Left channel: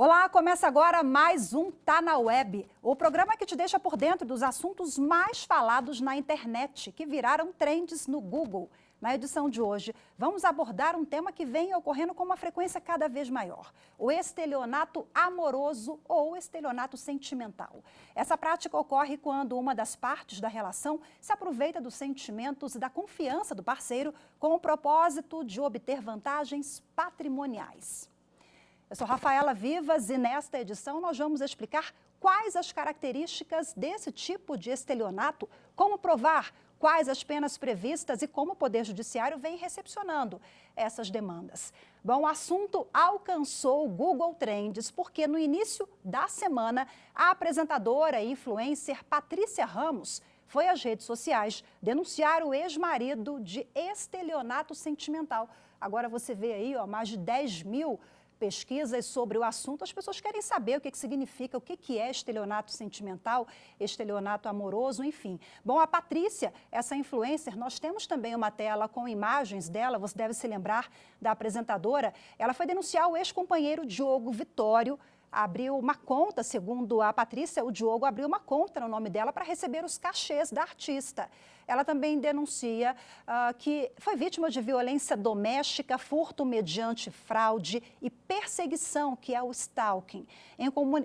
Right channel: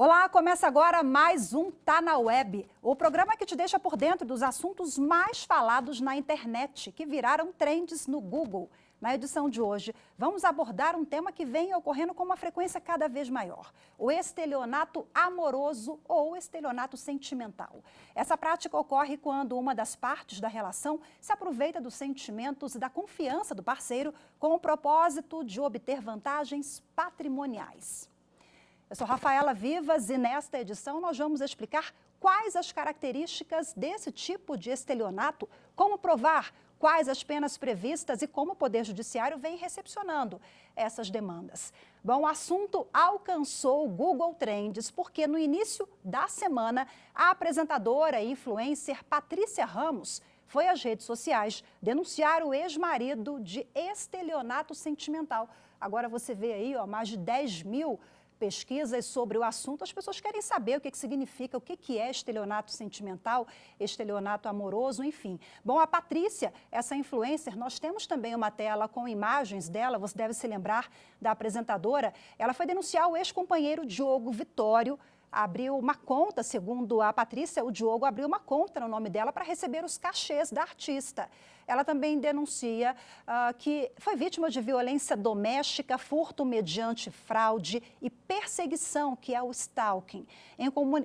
Olá, começa agora mais um Tá na Web, o programa que te deixa por dentro dos assuntos mais falados na internet, que viraram trends no Google. Na edição de hoje, vamos abordar um tema que vem ocorrendo com uma frequência cada vez maior: o estelionato amoroso ou estelionato sentimental. Essa prática ocorre quando uma das partes da relação se aproveita dos sentimentos e da confiança do parceiro com o propósito de obter vantagens patrimoniais. Eu sou Rafaela Vivas e nesta edição nós vamos explicar quais as características desse tipo de estelionato, como provar, quais as penas previstas e como o Poder Judiciário vem recepcionando essas demandas. Bom, o assunto alcançou o Google Trends porque no início da semana a apresentadora e influencer Patrícia Ramos foi às redes sociais denunciar o ex-marido de estelionato sentimental. Agora você vê aí, mais de 10 mil pesquisas sobre o assunto. As pessoas querem saber o que significa, o que é estelionato sentimental, estelionato amoroso, enfim. Bom, a Patrícia, essa influencer, nós temos também uma tela com imagens dela, você deve se lembrar da apresentadora. Ela foi denunciar o ex-companheiro Diogo Vitório, abriu uma conta, segundo a Patrícia, o Diogo abriu uma conta no nome dela para receber os cachês da artista. Ela também denuncia que foi vítima de violência doméstica, furto mediante fraude e perseguição, que é o stalking.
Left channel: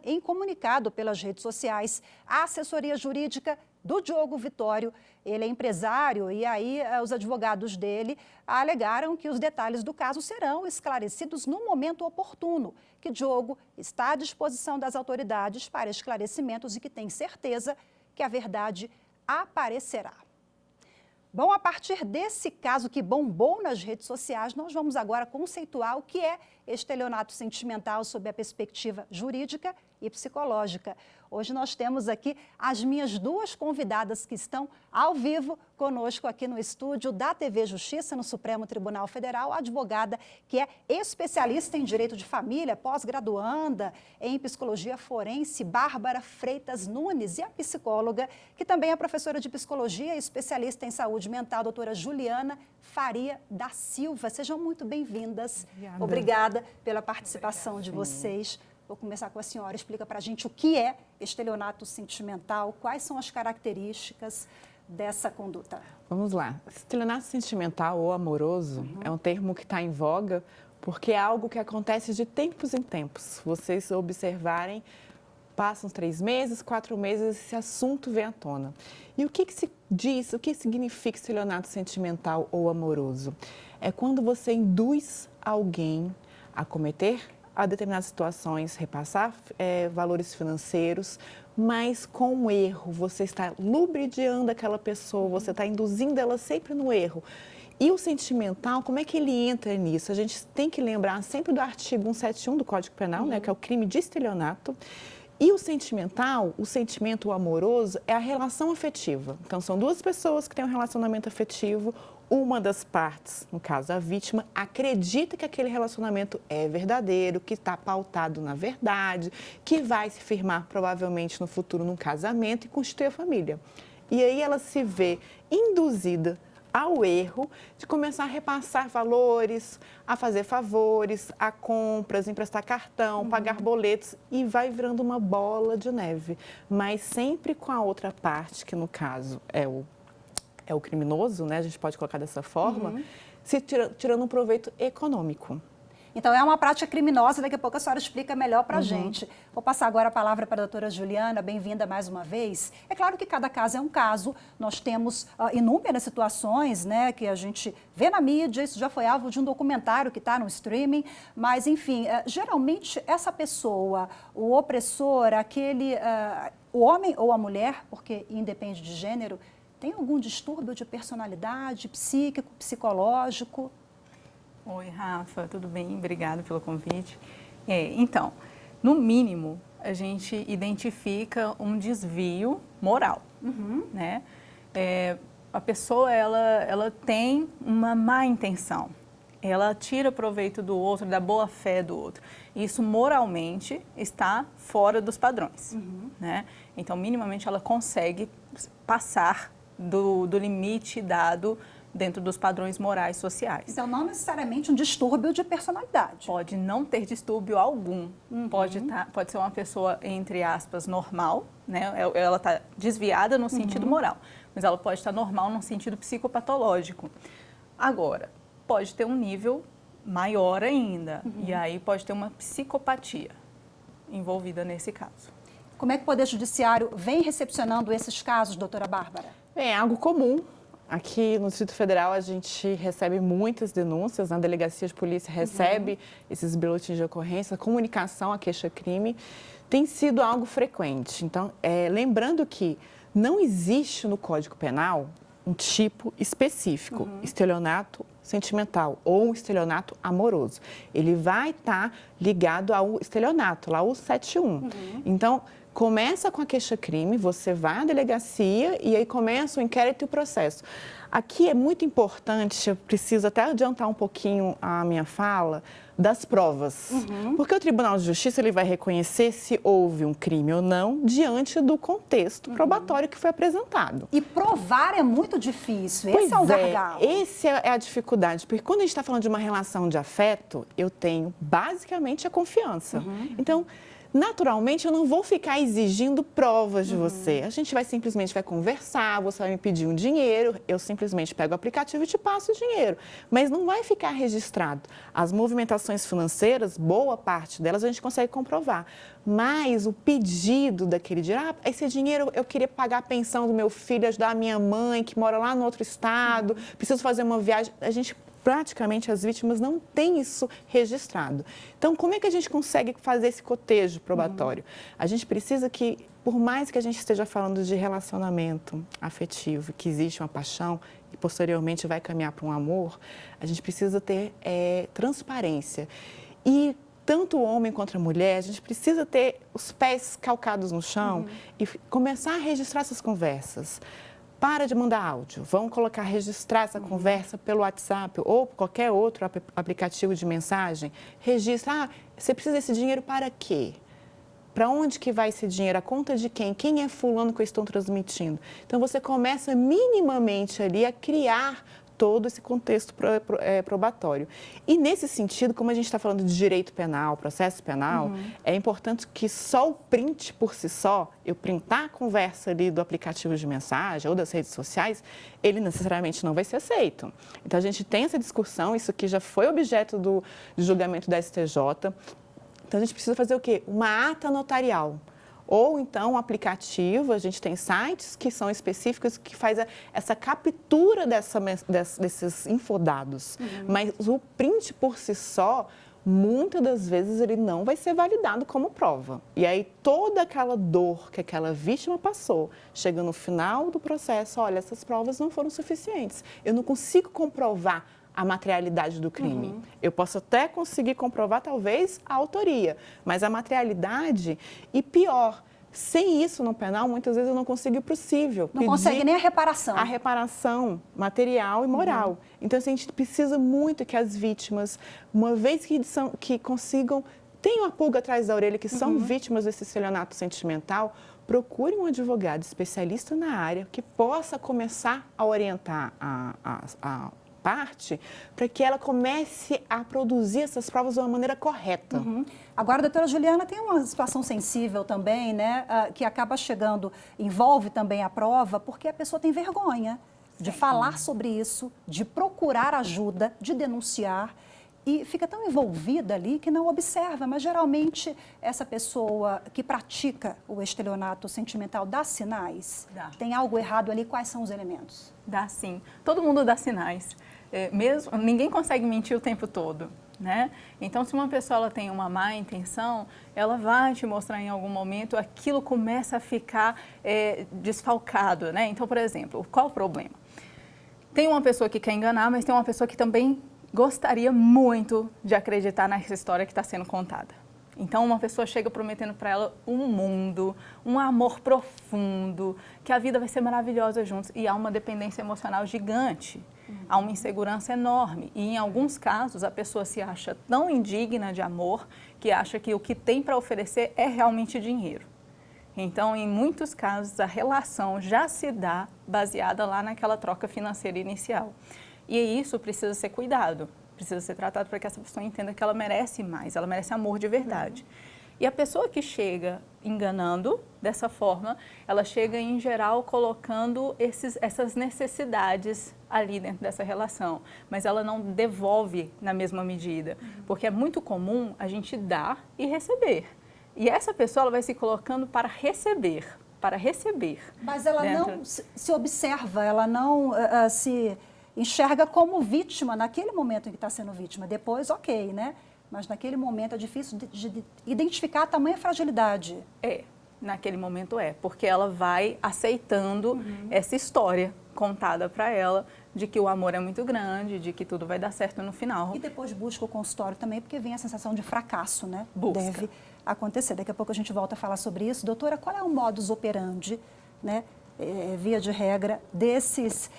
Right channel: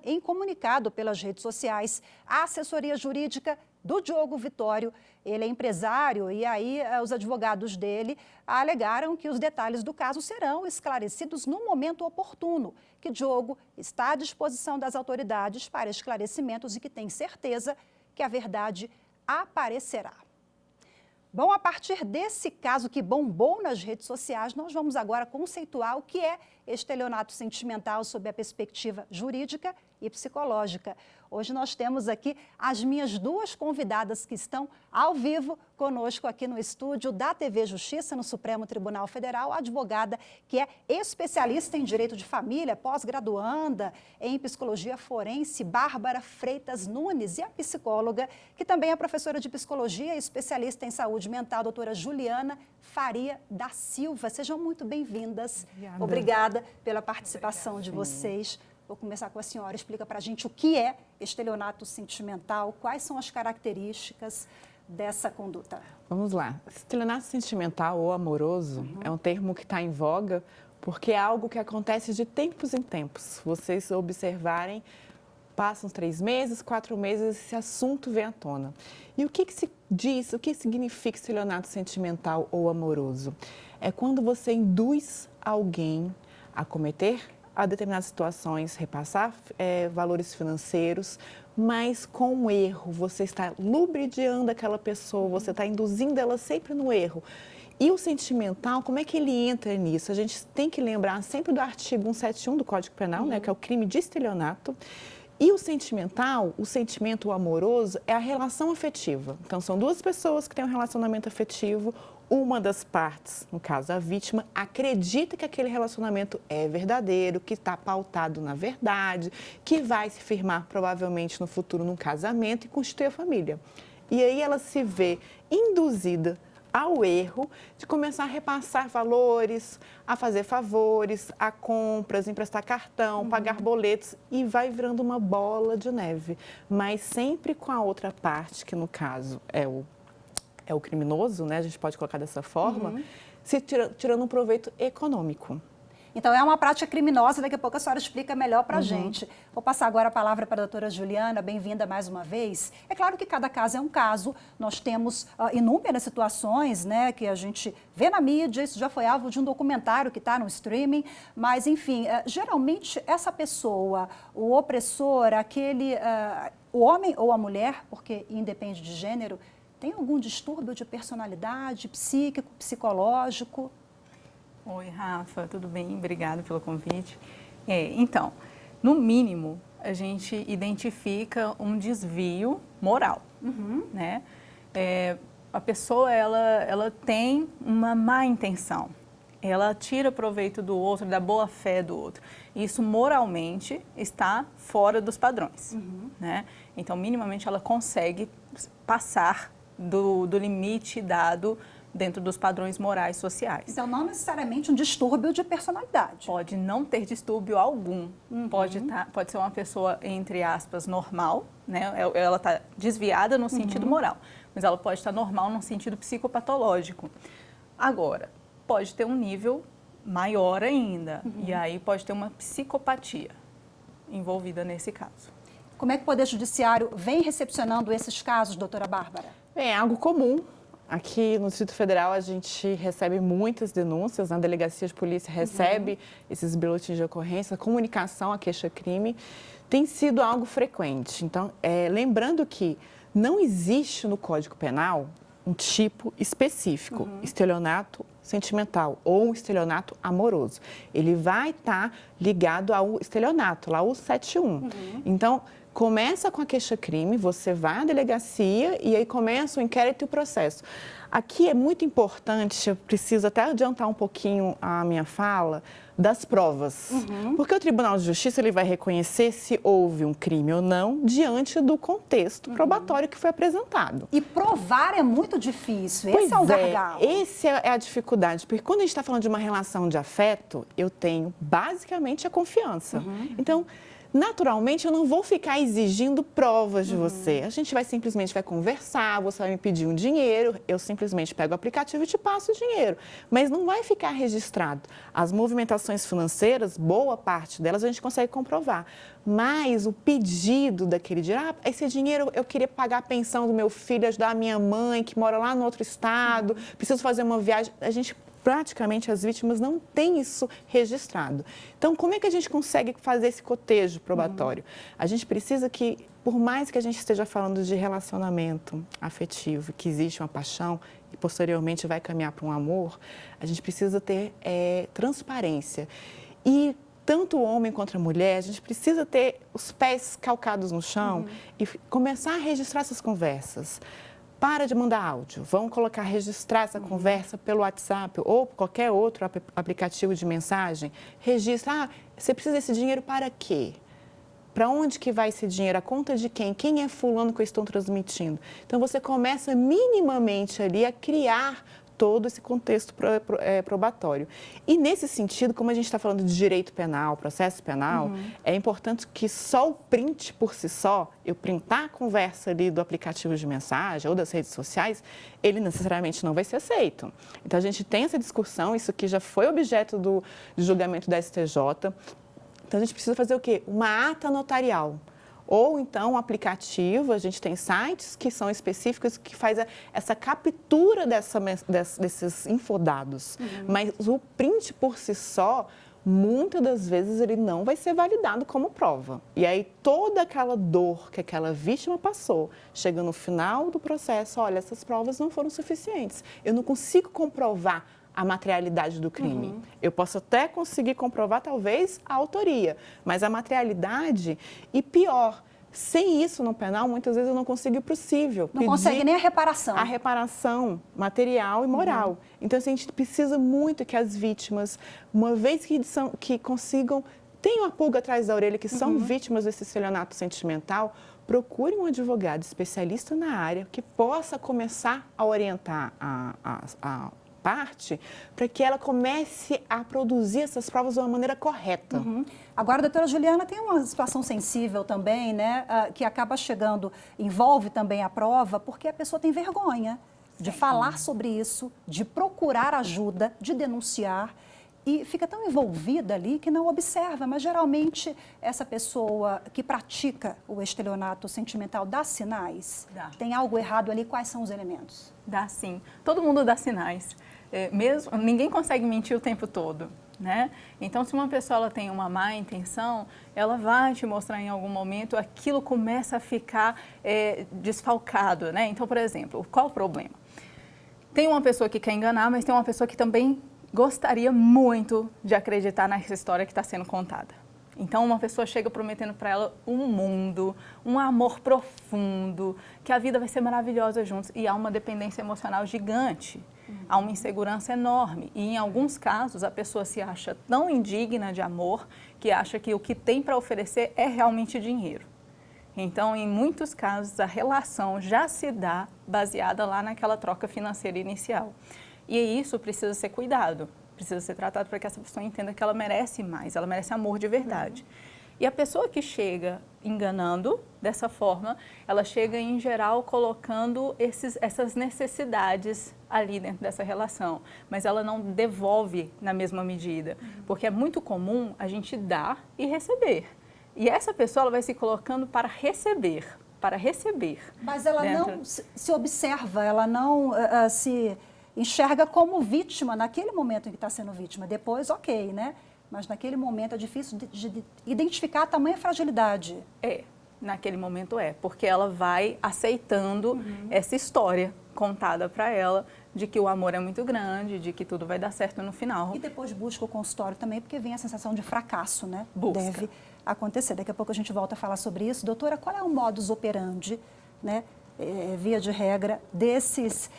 Em comunicado pelas redes sociais, a assessoria jurídica do Diogo Vitório, ele é empresário e aí os advogados dele alegaram que os detalhes do caso serão esclarecidos no momento oportuno, que Diogo está à disposição das autoridades para esclarecimentos e que tem certeza que a verdade aparecerá. Bom, a partir desse caso que bombou nas redes sociais, nós vamos agora conceituar o que é estelionato sentimental sob a perspectiva jurídica e psicológica. Hoje nós temos aqui as minhas duas convidadas que estão ao vivo conosco aqui no estúdio da TV Justiça, no Supremo Tribunal Federal, a advogada que é especialista em direito de família, pós-graduanda em psicologia forense, Bárbara Freitas Nunes, e a psicóloga, que também é professora de psicologia e especialista em saúde mental, doutora Juliana Faria da Silva. Sejam muito bem-vindas. Obrigada pela participação de vocês. Vou começar com a senhora. Explica para a gente o que é estelionato sentimental, quais são as características dessa conduta. Vamos lá. Estelionato sentimental ou amoroso é um termo que está em voga porque é algo que acontece de tempos em tempos. Vocês observarem, passam 3 meses, 4 meses, esse assunto vem à tona. E o que se diz, o que significa estelionato sentimental ou amoroso? É quando você induz alguém a cometer a determinadas situações, repassar valores financeiros, mas com um erro. Você está lubridiando aquela pessoa, você está induzindo ela sempre no erro. E o sentimental, como é que ele entra nisso? A gente tem que lembrar sempre do artigo 171 do Código Penal, que é o crime de estelionato. E o sentimental, o sentimento amoroso, é a relação afetiva. Então, são duas pessoas que têm um relacionamento afetivo. Uma das partes, no caso a vítima, acredita que aquele relacionamento é verdadeiro, que está pautado na verdade, que vai se firmar provavelmente no futuro num casamento e constituir a família. E aí ela se vê induzida ao erro de começar a repassar valores, a fazer favores, a compras, emprestar cartão, pagar boletos, e vai virando uma bola de neve. Mas sempre com a outra parte, que no caso é o criminoso, né? A gente pode colocar dessa forma, tirando um proveito econômico. Então, é uma prática criminosa, daqui a pouco a senhora explica melhor para a gente. Vou passar agora a palavra para a doutora Juliana, bem-vinda mais uma vez. É claro que cada caso é um caso, nós temos inúmeras situações, né, que a gente vê na mídia, isso já foi alvo de um documentário que está no streaming, mas, enfim, geralmente essa pessoa, o opressor, o homem ou a mulher, porque independe de gênero, tem algum distúrbio de personalidade, psíquico, psicológico? Oi, Rafa, tudo bem? Obrigada pelo convite. Então, no mínimo, a gente identifica um desvio moral, né? A pessoa, ela tem uma má intenção, ela tira proveito do outro, da boa fé do outro. Isso, moralmente, está fora dos padrões, né? Então, minimamente, ela consegue passar do limite dado dentro dos padrões morais sociais. Então, não necessariamente um distúrbio de personalidade. Pode não ter distúrbio algum. Pode ser uma pessoa, entre aspas, normal, né? Ela está desviada no sentido moral, mas ela pode estar normal no sentido psicopatológico. Agora, pode ter um nível maior ainda, e aí pode ter uma psicopatia envolvida nesse caso. Como é que o Poder Judiciário vem recepcionando esses casos, doutora Bárbara? É algo comum. Aqui no Distrito Federal a gente recebe muitas denúncias, na delegacia de polícia recebe esses boletins de ocorrência, a comunicação, a queixa-crime, tem sido algo frequente. Então, lembrando que não existe no Código Penal um tipo específico, estelionato sentimental ou estelionato amoroso. Ele vai estar ligado ao estelionato, lá o 71. Então, começa com a queixa-crime, você vai à delegacia e aí começa o inquérito e o processo. Aqui é muito importante, eu preciso até adiantar um pouquinho a minha fala, das provas. Porque o Tribunal de Justiça ele vai reconhecer se houve um crime ou não diante do contexto probatório que foi apresentado. E provar é muito difícil, esse é o gargalo. Essa é a dificuldade, porque quando a gente está falando de uma relação de afeto, eu tenho basicamente a confiança. Então, naturalmente, eu não vou ficar exigindo provas de você. A gente simplesmente vai conversar, você vai me pedir um dinheiro, eu simplesmente pego o aplicativo e te passo o dinheiro. Mas não vai ficar registrado. As movimentações financeiras, boa parte delas a gente consegue comprovar. Mas o pedido daquele dinheiro, esse dinheiro eu queria pagar a pensão do meu filho, ajudar a minha mãe que mora lá no outro estado, preciso fazer uma viagem, praticamente as vítimas não têm isso registrado. Então, como é que a gente consegue fazer esse cotejo probatório? A gente precisa que, por mais que a gente esteja falando de relacionamento afetivo, que existe uma paixão e posteriormente vai caminhar para um amor, a gente precisa ter transparência. E tanto o homem quanto a mulher, a gente precisa ter os pés calcados no chão e começar a registrar essas conversas. Para de mandar áudio, vamos registrar essa conversa pelo WhatsApp ou qualquer outro aplicativo de mensagem. Registra, você precisa desse dinheiro para quê? Para onde que vai esse dinheiro? A conta de quem? Quem é fulano que eu estou transmitindo? Então, você começa minimamente ali a criar todo esse contexto probatório. E, nesse sentido, como a gente está falando de direito penal, processo penal, é importante que só o print por si só, eu printar a conversa ali do aplicativo de mensagem ou das redes sociais, ele necessariamente não vai ser aceito. Então, a gente tem essa discussão, isso aqui já foi objeto do julgamento da STJ. Então, a gente precisa fazer o quê? Uma ata notarial. Ou, então, um aplicativo, a gente tem sites que são específicos que faz essa captura desses infodados. Mas o print por si só, muitas das vezes, ele não vai ser validado como prova. E aí, toda aquela dor que aquela vítima passou, chega no final do processo, olha, essas provas não foram suficientes. Eu não consigo comprovar a materialidade do crime. Eu posso até conseguir comprovar, talvez, a autoria, mas a materialidade, e pior, sem isso no penal, muitas vezes eu não consigo o possível. Não consegue nem a reparação. A reparação material e moral. Então, assim, a gente precisa muito que as vítimas, uma vez que consigam, tenham a pulga atrás da orelha, que são vítimas desse estelionato sentimental, procure um advogado especialista na área que possa começar a orientar a parte para que ela comece a produzir essas provas de uma maneira correta. Agora, doutora Juliana, tem uma situação sensível também, né, que acaba chegando, envolve também a prova, porque a pessoa tem vergonha de falar sobre isso, de procurar ajuda, de denunciar, e fica tão envolvida ali que não observa, mas geralmente essa pessoa que pratica o estelionato sentimental dá sinais? Dá. Tem algo errado ali? Quais são os elementos? Dá sim. Todo mundo dá sinais. Ninguém consegue mentir o tempo todo, né? Então, se uma pessoa ela tem uma má intenção, ela vai te mostrar em algum momento, aquilo começa a ficar desfalcado, né? Então, por exemplo, qual o problema? Tem uma pessoa que quer enganar, mas tem uma pessoa que também gostaria muito de acreditar nessa história que está sendo contada. Então, uma pessoa chega prometendo para ela um mundo, um amor profundo, que a vida vai ser maravilhosa juntos. E há uma dependência emocional gigante, há uma insegurança enorme. E, em alguns casos, a pessoa se acha tão indigna de amor que acha que o que tem para oferecer é realmente dinheiro. Então, em muitos casos, a relação já se dá baseada lá naquela troca financeira inicial. E isso precisa ser cuidado, precisa ser tratado para que essa pessoa entenda que ela merece mais, ela merece amor de verdade. E a pessoa que chega enganando dessa forma, ela chega em geral colocando essas necessidades ali dentro dessa relação, mas ela não devolve na mesma medida, porque é muito comum a gente dar e receber. E essa pessoa ela vai se colocando para receber. Mas ela não se observa, ela não se enxerga como vítima naquele momento em que está sendo vítima. Depois, ok, né? Mas naquele momento é difícil de identificar a tamanha fragilidade. Naquele momento porque ela vai aceitando essa história contada para ela de que o amor é muito grande, de que tudo vai dar certo no final. E depois busca o consultório também, porque vem a sensação de fracasso, né? Busca. Deve acontecer. Daqui a pouco a gente volta a falar sobre isso. Doutora, qual é o modus operandi, né? Via de regra, desses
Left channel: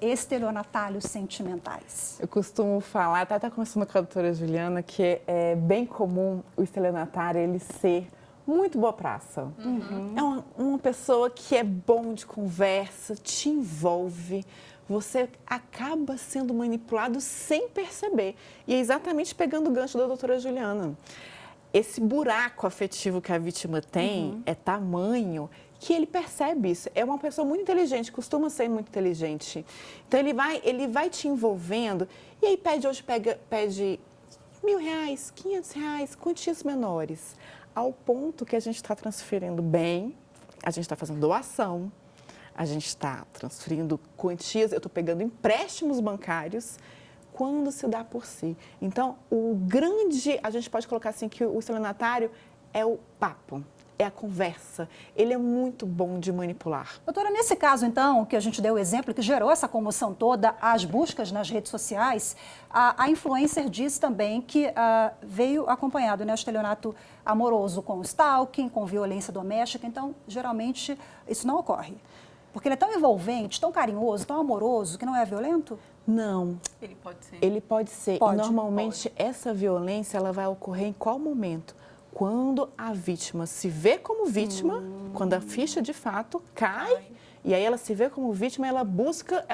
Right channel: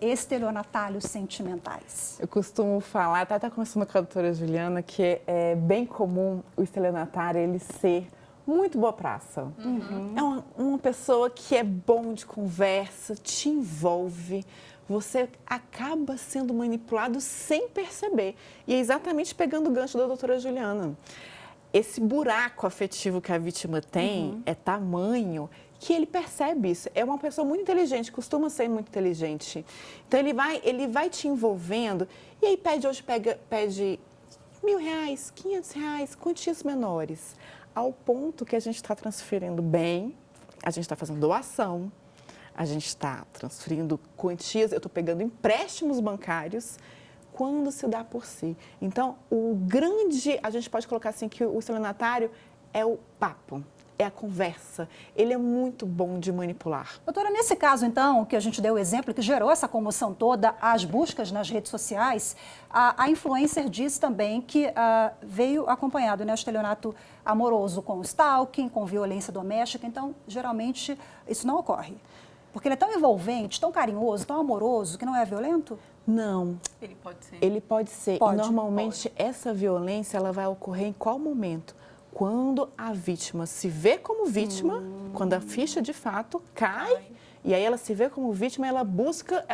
estelionatários sentimentais? Eu costumo falar, até conversando com a doutora Juliana, que é bem comum o estelionatário ele ser muito boa praça. É uma pessoa que é bom de conversa, te envolve, você acaba sendo manipulado sem perceber. E é exatamente pegando o gancho da doutora Juliana. Esse buraco afetivo que a vítima tem é tamanho que ele percebe isso. É uma pessoa muito inteligente, costuma ser muito inteligente. Então, ele vai te envolvendo e aí pede R$ 1.000, R$ 500, quantias menores. Ao ponto que a gente está transferindo bem, a gente está fazendo doação, a gente está transferindo quantias, eu estou pegando empréstimos bancários, quando se dá por si. Então, a gente pode colocar assim que o estelionatário é o papo, é a conversa. Ele é muito bom de manipular. Doutora, nesse caso, então, que a gente deu o exemplo, que gerou essa comoção toda, as buscas nas redes sociais, a influencer diz também que veio acompanhado, né, o estelionato amoroso com stalking, com violência doméstica. Então, geralmente, isso não ocorre. Porque ele é tão envolvente, tão carinhoso, tão amoroso, que não é violento? Não. Ele pode ser. Ele pode ser. Pode, e normalmente, essa violência ela vai ocorrer em qual momento? Quando a vítima se vê como vítima, quando a ficha de fato cai, e aí ela se vê como vítima, ela busca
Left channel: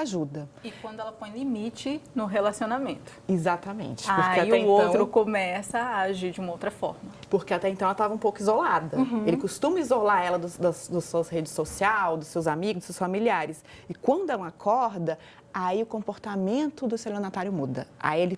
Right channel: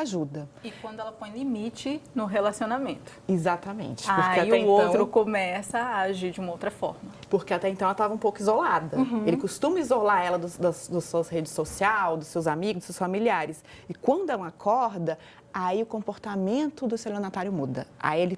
ajuda. E quando ela põe limite no relacionamento. Exatamente. Aí o outro começa a agir de uma outra forma. Porque até então ela estava um pouco isolada. Ele costuma isolar ela das suas redes sociais, dos seus amigos, dos seus familiares. E quando ela acorda, aí o comportamento do estelionatário muda. Aí ele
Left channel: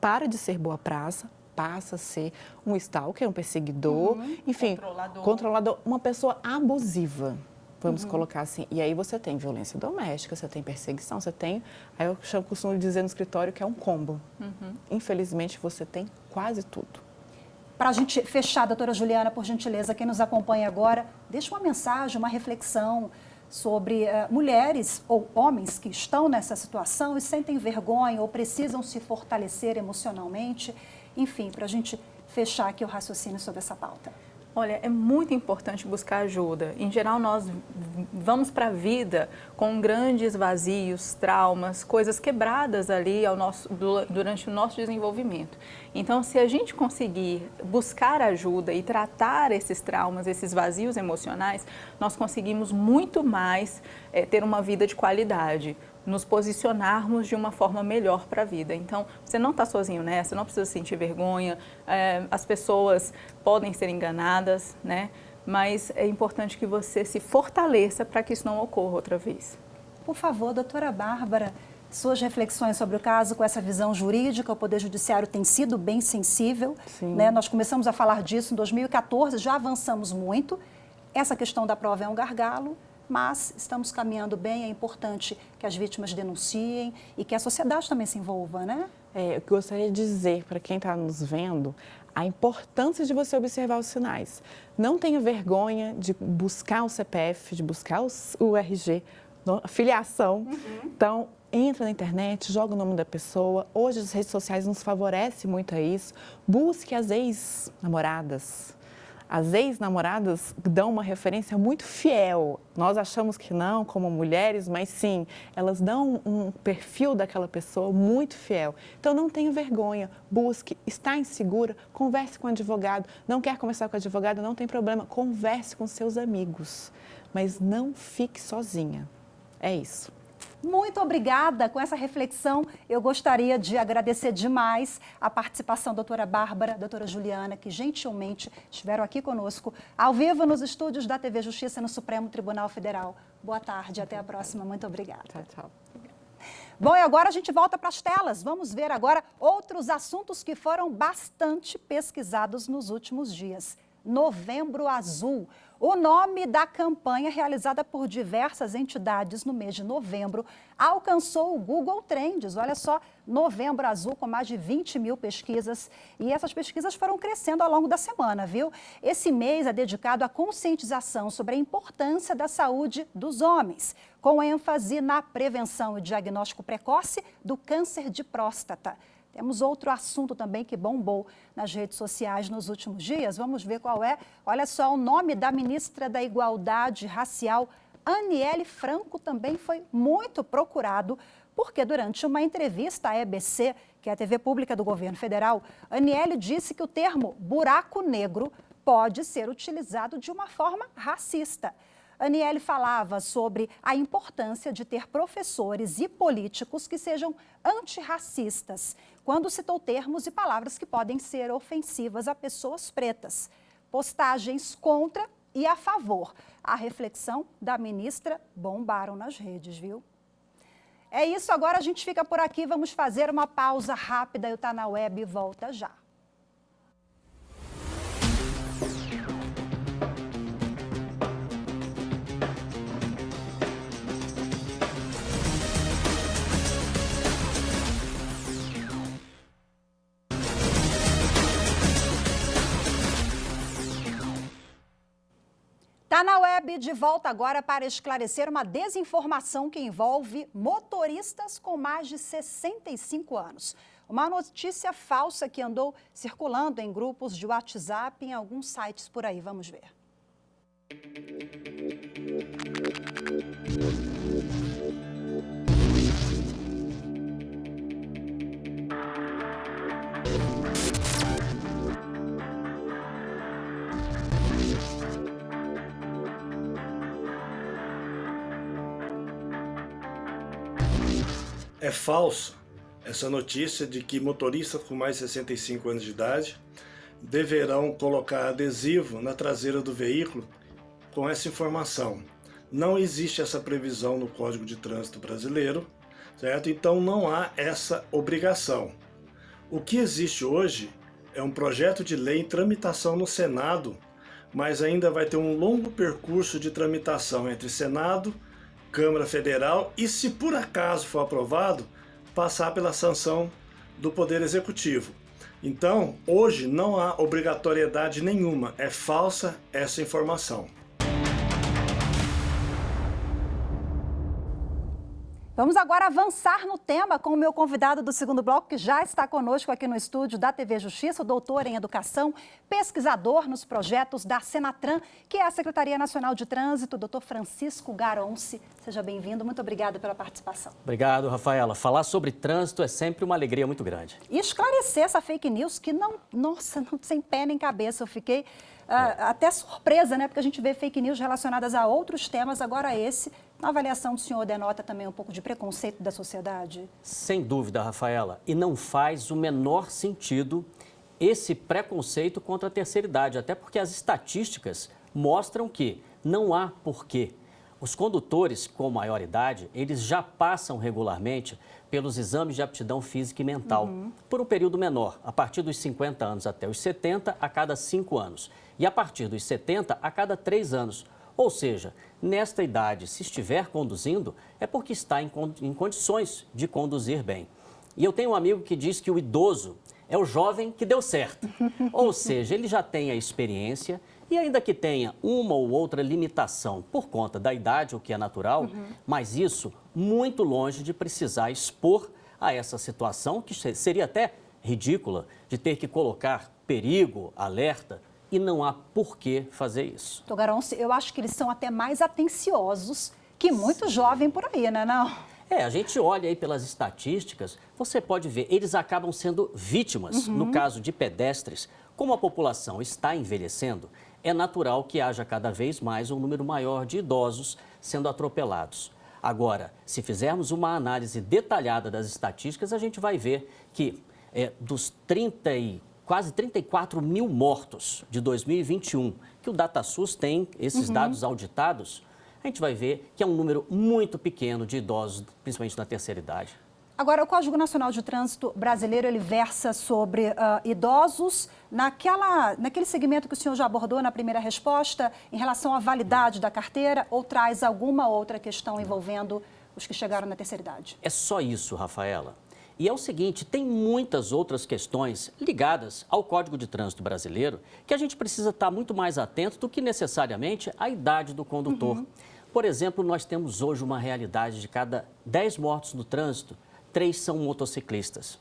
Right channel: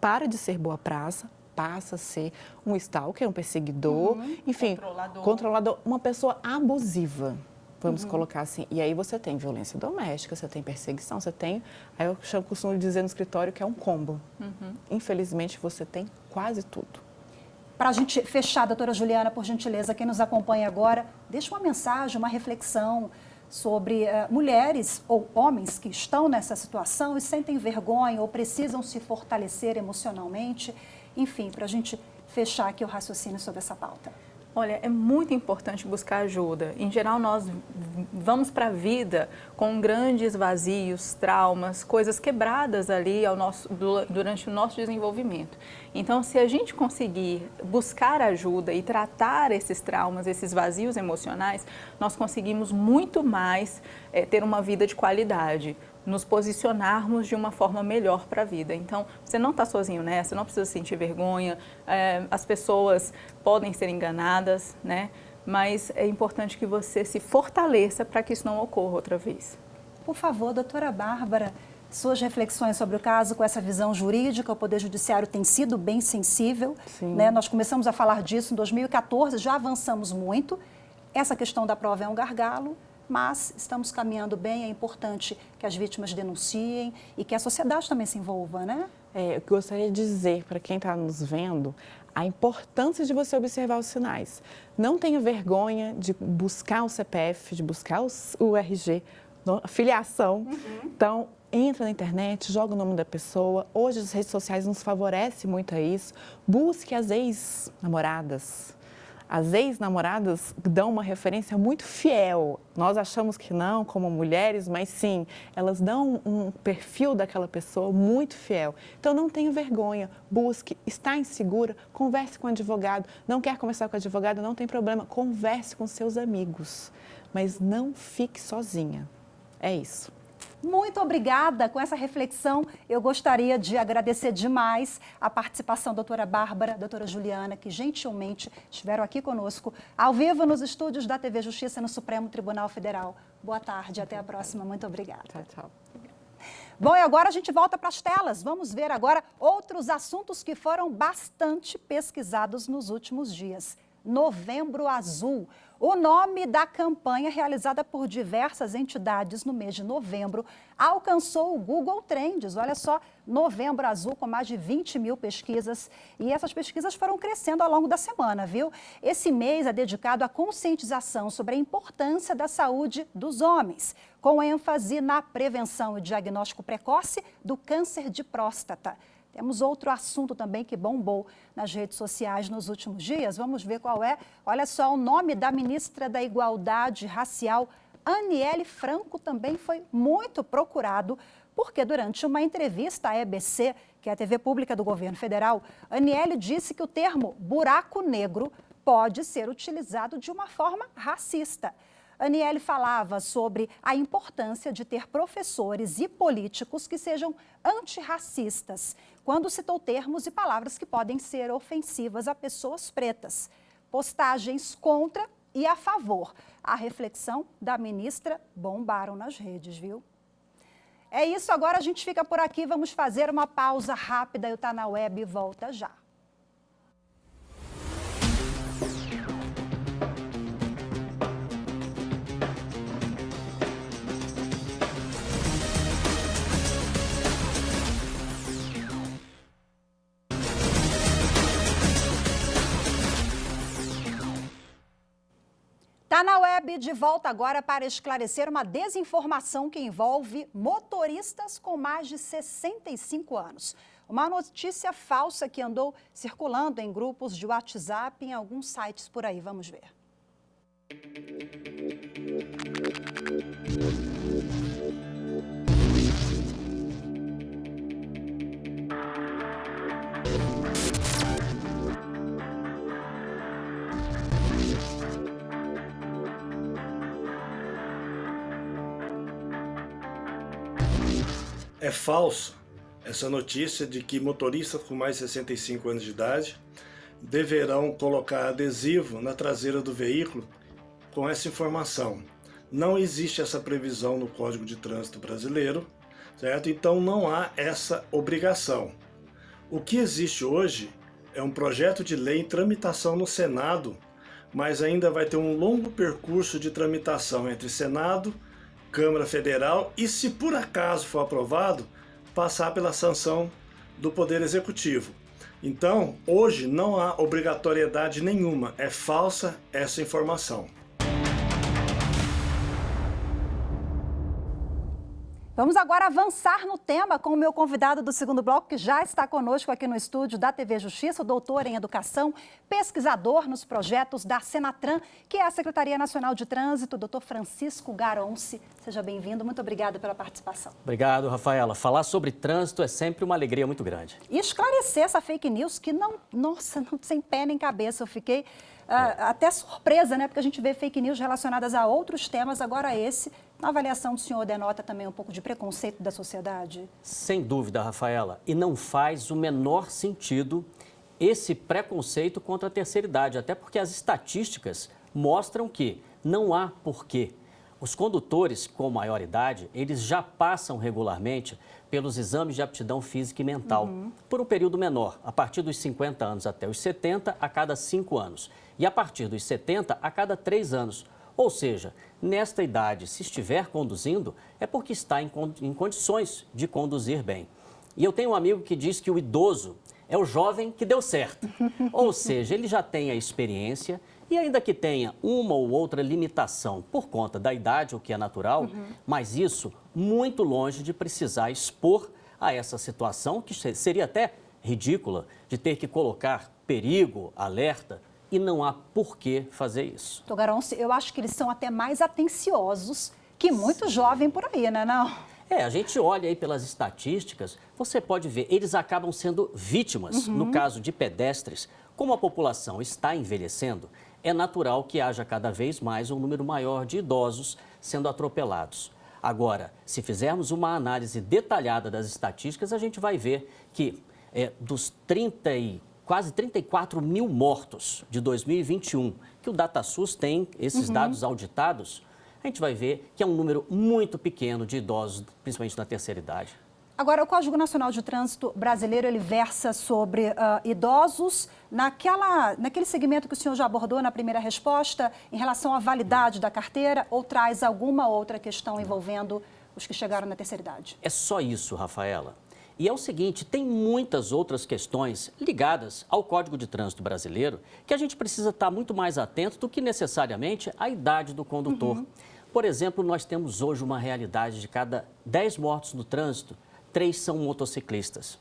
para de ser boa praça, passa a ser um stalker, um perseguidor, enfim, controlador, uma pessoa abusiva, vamos colocar assim. E aí você tem violência doméstica, você tem perseguição, você tem, aí eu costumo dizer no escritório que é um combo. Infelizmente, você tem quase tudo. Para a gente fechar, doutora Juliana, por gentileza, quem nos acompanha agora, deixa uma mensagem, uma reflexão sobre mulheres ou homens que estão nessa situação e sentem vergonha ou precisam se fortalecer emocionalmente. Enfim, para a gente fechar aqui o raciocínio sobre essa pauta. Olha, é muito importante buscar ajuda. Em geral, nós vamos para a vida com grandes vazios, traumas, coisas quebradas ali durante o nosso desenvolvimento. Então, se a gente conseguir buscar ajuda e tratar esses traumas, esses vazios emocionais, nós conseguimos muito mais ter uma vida de qualidade, nos posicionarmos de uma forma melhor para a vida. Então, você não está sozinho nessa, não precisa sentir vergonha, as pessoas podem ser enganadas, né? Mas é importante que você se fortaleça para que isso não ocorra outra vez. Por favor, doutora Bárbara, suas reflexões sobre o caso com essa visão jurídica. O Poder Judiciário tem sido bem sensível, né? Nós começamos a falar disso em 2014, já avançamos muito. Essa questão da prova é um gargalo, mas estamos caminhando bem. É importante que as vítimas denunciem e que a sociedade também se envolva, né? Eu gostaria de dizer para quem está nos vendo a importância de você observar os sinais. Não tenha vergonha de buscar o CPF, de buscar o RG, a filiação. Então, entra na internet, joga o nome da pessoa. Hoje as redes sociais nos favorecem muito a isso. Busque as ex-namoradas. As ex-namoradas dão uma referência muito fiel. Nós achamos que não, como mulheres, mas sim, elas dão um perfil daquela pessoa muito fiel. Então, não tenha vergonha, busque, está insegura, converse com o advogado. Não quer conversar com o advogado, não tem problema, converse com seus amigos. Mas não fique sozinha. É isso. Muito obrigada com essa reflexão. Eu gostaria de agradecer demais a participação da doutora Bárbara, da doutora Juliana, que gentilmente estiveram aqui conosco, ao vivo nos estúdios da TV Justiça no Supremo Tribunal Federal. Boa tarde, até a próxima. Muito obrigada. Tchau, tchau. Bom, e agora a gente volta para as telas. Vamos ver agora outros assuntos que foram bastante pesquisados nos últimos dias. Novembro Azul. O nome da campanha realizada por diversas entidades no mês de novembro alcançou o Google Trends. Olha só, Novembro Azul com mais de 20 mil pesquisas. E essas pesquisas foram crescendo ao longo da semana, viu? Esse mês é dedicado à conscientização sobre a importância da saúde dos homens, com ênfase na prevenção e diagnóstico precoce do câncer de próstata. Temos outro assunto também que bombou nas redes sociais nos últimos dias. Vamos ver qual é. Olha só, o nome da ministra da Igualdade Racial, Aniele Franco, também foi muito procurado, porque durante uma entrevista à EBC, que é a TV pública do governo federal, Aniele disse que o termo buraco negro pode ser utilizado de uma forma racista. Aniele falava sobre a importância de ter professores e políticos que sejam antirracistas, quando citou termos e palavras que podem ser ofensivas a pessoas pretas. Postagens contra e a favor. A reflexão da ministra bombaram nas redes, viu? É isso, agora a gente fica por aqui, vamos fazer uma pausa rápida. Eu Tá Na Web e volta já. Tá Na Web, de volta agora para esclarecer uma desinformação que envolve motoristas com mais de 65 anos. Uma notícia falsa que andou circulando em grupos de WhatsApp e em alguns sites por aí. Vamos ver. É falso essa notícia de que motoristas com mais de 65 anos de idade deverão colocar adesivo na traseira do veículo com essa informação. Não existe essa previsão no Código de Trânsito brasileiro, certo? Então não há essa obrigação. O que existe hoje é um projeto de lei em tramitação no Senado, mas ainda vai ter um longo percurso de tramitação entre Senado, Câmara Federal e, se por acaso for aprovado, passar pela sanção do Poder Executivo. Então, hoje não há obrigatoriedade nenhuma, é falsa essa informação. Vamos agora avançar no tema com o meu convidado do segundo bloco, que já está conosco aqui no estúdio da TV Justiça, o doutor em Educação, pesquisador nos projetos da Senatran, que é a Secretaria Nacional de Trânsito, doutor Francisco Garonci. Seja bem-vindo, muito obrigada pela participação. Obrigado, Rafaela. Falar sobre trânsito é sempre uma alegria muito grande. E esclarecer essa fake news que não, nossa, não sem pé nem cabeça. Eu fiquei até surpresa, né? Porque a gente vê fake news relacionadas a outros temas, agora esse, na avaliação do senhor, denota também um pouco de preconceito da sociedade? Sem dúvida, Rafaela. E não faz o menor sentido esse preconceito contra a terceira idade, até porque as estatísticas mostram que não há porquê. Os condutores com maior idade, eles já passam regularmente pelos exames de aptidão física e mental, por um período menor, a partir dos 50 anos até os 70, a cada 5 anos. E a partir dos 70, a cada 3 anos. Ou seja, nesta idade, se estiver conduzindo, é porque está em condições de conduzir bem. E eu tenho um amigo que diz que o idoso é o jovem que deu certo. Ou seja, ele já tem a experiência e ainda que tenha uma ou outra limitação por conta da idade, o que é natural, mas isso muito longe de precisar expor a essa situação, que seria até ridícula, de ter que colocar perigo, alerta, e não há por que fazer isso. Doutor Garonci, eu acho que eles são até mais atenciosos que muito jovem por aí, né, não? A gente olha aí pelas estatísticas, você pode ver, eles acabam sendo vítimas. No caso de pedestres, como a população está envelhecendo, é natural que haja cada vez mais um número maior de idosos sendo atropelados. Agora, se fizermos uma análise detalhada das estatísticas, a gente vai ver que dos quase 34 mil mortos de 2021, que o DataSUS tem esses dados auditados, a gente vai ver que é um número muito pequeno de idosos, principalmente na terceira idade. Agora, o Código Nacional de Trânsito brasileiro, ele versa sobre idosos naquele segmento que o senhor já abordou na primeira resposta, em relação à validade da carteira, ou traz alguma outra questão envolvendo os que chegaram na terceira idade? É só isso, Rafaela. E é o seguinte, tem muitas outras questões ligadas ao Código de Trânsito brasileiro que a gente precisa estar muito mais atento do que necessariamente a idade do condutor. Por exemplo, nós temos hoje uma realidade de cada 10 mortos no trânsito, 3 são motociclistas.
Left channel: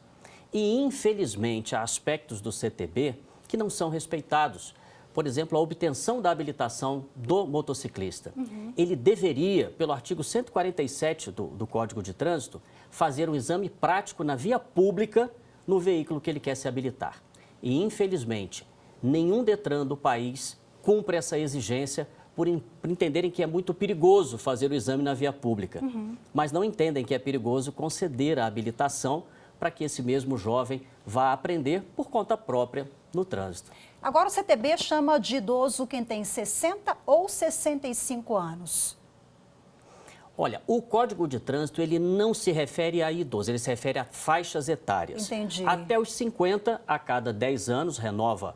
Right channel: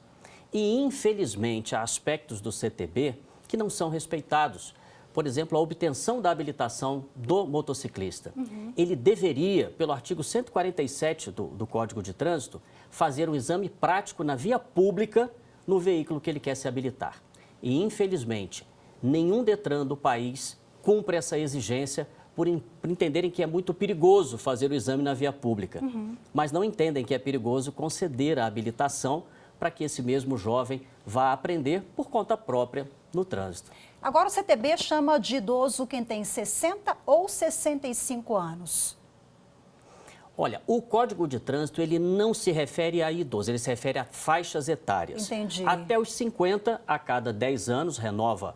E, infelizmente, há aspectos do CTB que não são respeitados. Por exemplo, a obtenção da habilitação do motociclista. Ele deveria, pelo artigo 147 do Código de Trânsito, fazer um exame prático na via pública no veículo que ele quer se habilitar. E, infelizmente, nenhum Detran do país cumpre essa exigência por entenderem que é muito perigoso fazer o exame na via pública, mas não entendem que é perigoso conceder a habilitação para que esse mesmo jovem vá aprender por conta própria no trânsito. Agora, o CTB chama de idoso quem tem 60 ou 65 anos. Olha, o Código de Trânsito, ele não se refere a idoso, ele se refere a faixas etárias. Entendi. Até os 50, a cada 10 anos, renova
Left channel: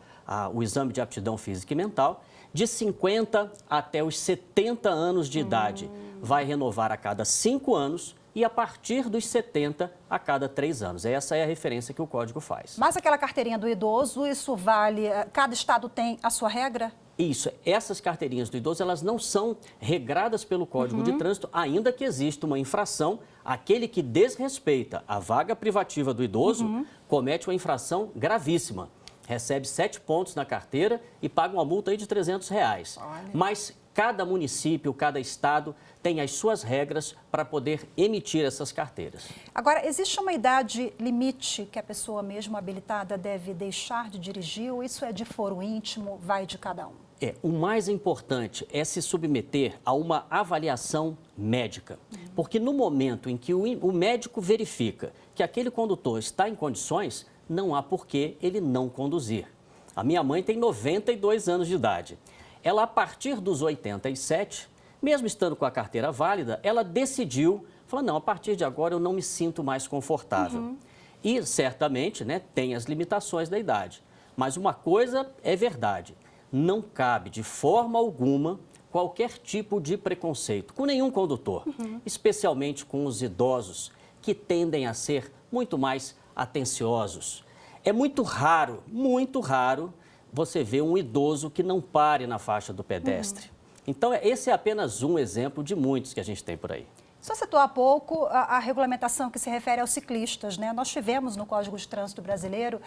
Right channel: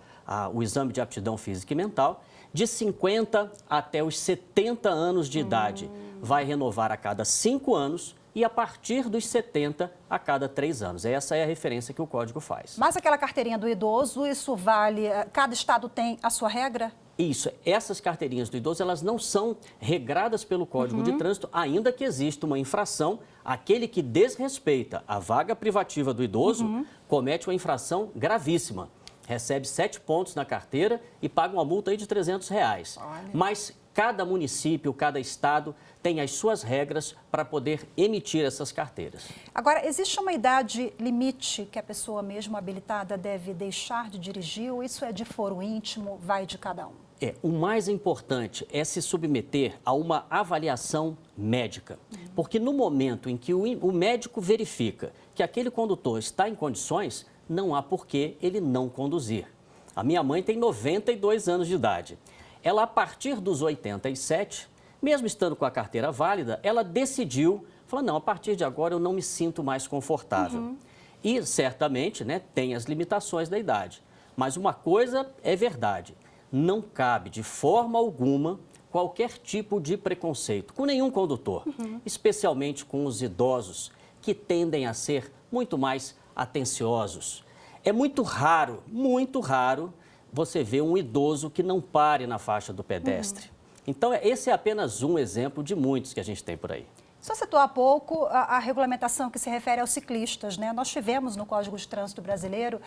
o exame de aptidão física e mental. De 50 até os 70 anos de idade, vai renovar a cada 5 anos e a partir dos 70 a cada 3 anos. Essa é a referência que o Código faz. Mas aquela carteirinha do idoso, isso vale... Cada estado tem a sua regra? Isso. Essas carteirinhas do idoso, elas não são regradas pelo Código de Trânsito, ainda que exista uma infração. Aquele que desrespeita a vaga privativa do idoso comete uma infração gravíssima. Recebe 7 pontos na carteira e paga uma multa aí de R$300. Mas cada município, cada estado tem as suas regras para poder emitir essas carteiras. Agora, existe uma idade limite que a pessoa mesmo habilitada deve deixar de dirigir ou isso é de foro íntimo, vai de cada um? O mais importante é se submeter a uma avaliação médica. Porque no momento em que o médico verifica que aquele condutor está em condições, não há por que ele não conduzir. A minha mãe tem 92 anos de idade. Ela, a partir dos 87, mesmo estando com a carteira válida, ela decidiu, falou, não, a partir de agora eu não me sinto mais confortável. E, certamente, tem as limitações da idade. Mas uma coisa é verdade, não cabe de forma alguma qualquer tipo de preconceito com nenhum condutor, especialmente com os idosos, que tendem a ser muito mais atenciosos. É muito raro você ver um idoso que não pare na faixa do pedestre. Então, esse é apenas um exemplo de muitos que a gente tem por aí. Só citou há pouco a regulamentação que se refere aos ciclistas, Nós tivemos no Código de Trânsito brasileiro,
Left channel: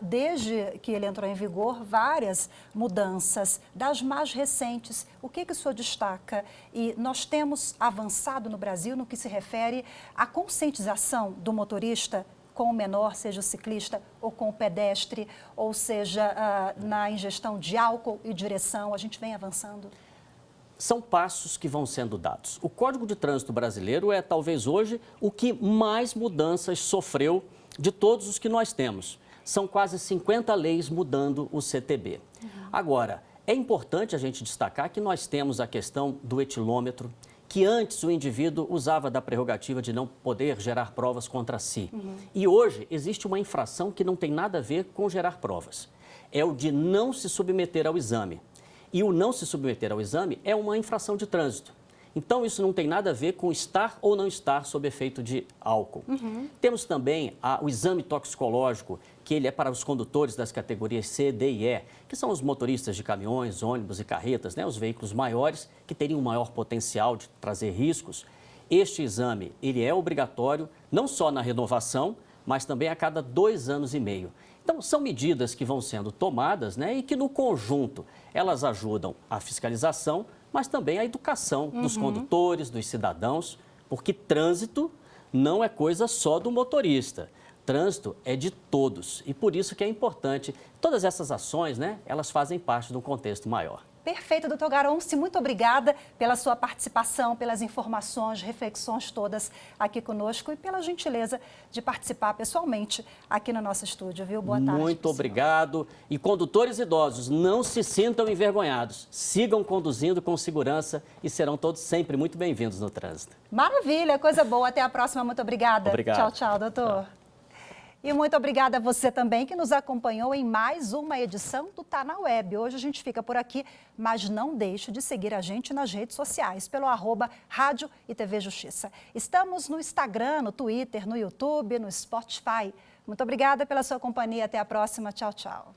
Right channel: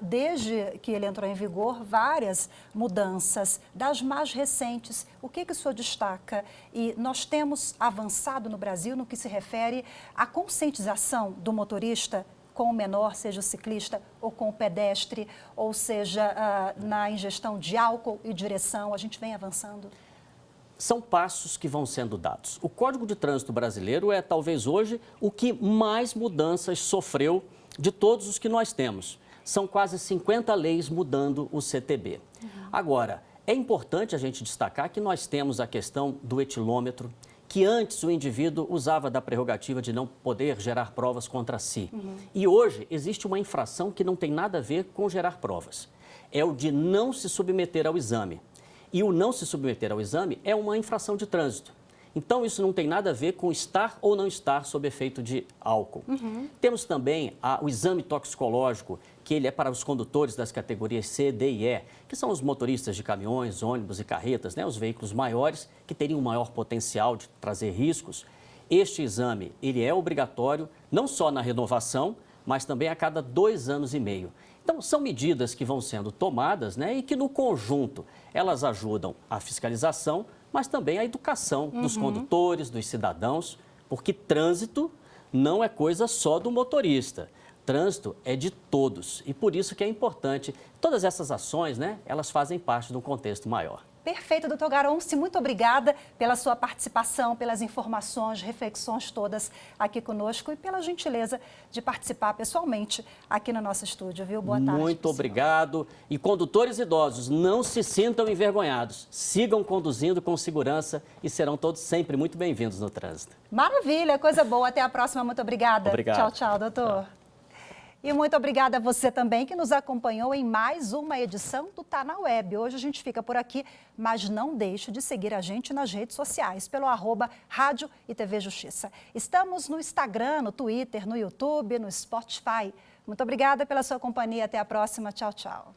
desde que ele entrou em vigor, várias mudanças. Das mais recentes, o que o senhor destaca? E nós temos avançado no Brasil no que se refere à conscientização do motorista com o menor, seja o ciclista ou com o pedestre, ou seja, na ingestão de álcool e direção, a gente vem avançando? São passos que vão sendo dados. O Código de Trânsito brasileiro é, talvez hoje, o que mais mudanças sofreu de todos os que nós temos. São quase 50 leis mudando o CTB. Agora, é importante a gente destacar que nós temos a questão do etilômetro, que antes o indivíduo usava da prerrogativa de não poder gerar provas contra si. E hoje existe uma infração que não tem nada a ver com gerar provas. É o de não se submeter ao exame. E o não se submeter ao exame é uma infração de trânsito. Então, isso não tem nada a ver com estar ou não estar sob efeito de álcool. Temos também o exame toxicológico, que ele é para os condutores das categorias C, D e E, que são os motoristas de caminhões, ônibus e carretas, os veículos maiores que teriam um maior potencial de trazer riscos. Este exame, ele é obrigatório, não só na renovação, mas também a cada 2 anos e meio. Então, são medidas que vão sendo tomadas, e que, no conjunto, elas ajudam a fiscalização, mas também a educação dos condutores, dos cidadãos, porque trânsito não é coisa só do motorista. Trânsito é de todos e por isso que é importante. Todas essas ações, elas fazem parte de um contexto maior. Perfeito, doutor Garonce, muito obrigada pela sua participação, pelas informações, reflexões todas aqui conosco e pela gentileza de participar pessoalmente aqui no nosso estúdio, viu? Boa tarde. Muito obrigado. E condutores idosos, não se sintam envergonhados. Sigam conduzindo com segurança e serão todos sempre muito bem-vindos no trânsito. Maravilha, coisa boa. Até a próxima. Muito obrigada. Obrigado. Tchau, tchau, doutor. Tchau. E muito obrigada a você também que nos acompanhou em mais uma edição do Tá na Web. Hoje a gente fica por aqui, mas não deixe de seguir a gente nas redes sociais, pelo @Rádio e TV Justiça. Estamos no Instagram, no Twitter, no YouTube, no Spotify. Muito obrigada pela sua companhia. Até a próxima. Tchau, tchau.